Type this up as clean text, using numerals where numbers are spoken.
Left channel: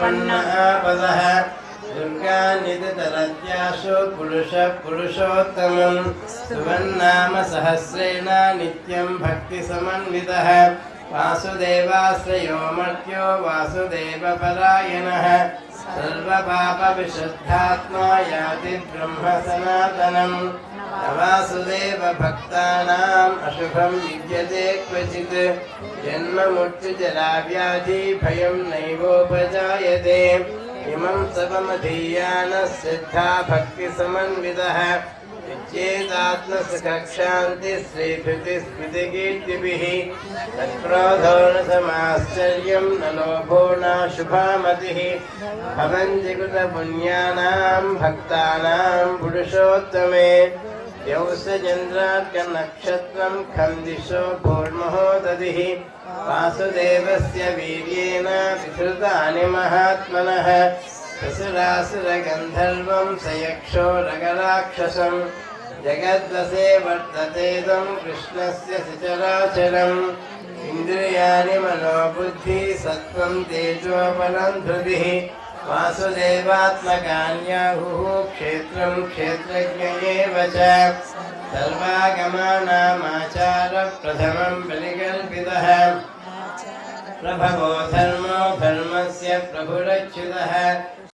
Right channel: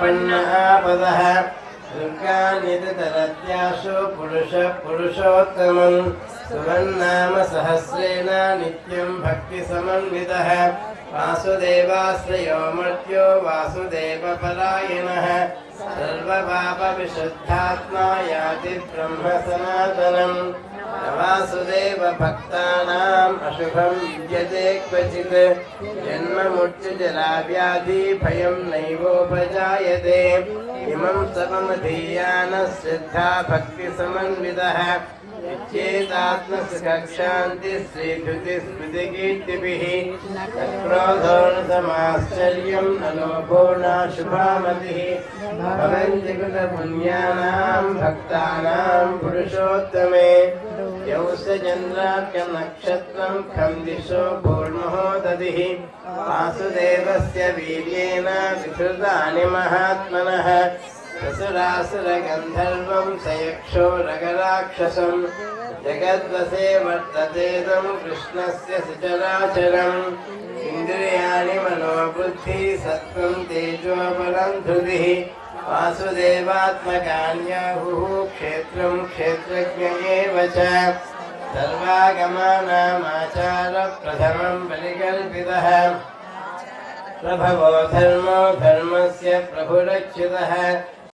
आपदः दुर्गान्यतितरत्याशु पुरुषोत्तमं सुवन्नाम सहस्रेण नित्यं भक्तिसमन्वितः वासुदेवाश्रयो मर्त्यो वासुदेवपरायणः सर्वपापविशुद्धात्मा याति ब्रह्मसनातनं वासुदेव भक्तानाम् अशुभं विद्यते क्वचित् जन्ममृत्युजराव्याधि भयं नैवोपजायते इमं सममधीयानः श्रद्धा भक्तिसमन्वितः इत्येतात्मसुखशान्ति श्रीधृतिस्मृतिकीर्तिभिः तत्क्रोधो न समाश्चर्यं न लोभो नाशुभामतिः भवन्ति कृतपुण्यानां भक्तानां पुरुषोत्तमे यौसचन्द्रार्कनक्षत्रं खं दिशो भूर्महोदधिः वासुदेवस्य वीर्येण विसृतानि महात्मनः ससुरासुरगन्धर्वं सयक्षो रगराक्षसं जगद्वसे वर्ततेदं कृष्णस्य सचराचरम् इन्द्रियाणि मनोबुद्धि सत्त्वं तेजोबलं धृतिः वासुदेवात्मकान्याहुः क्षेत्रं क्षेत्रज्ञ एव च सर्वागमानामाचारप्रथमं बलिकल्पितः प्रभवो धर्मो धर्मस्य प्रभुरच्युतः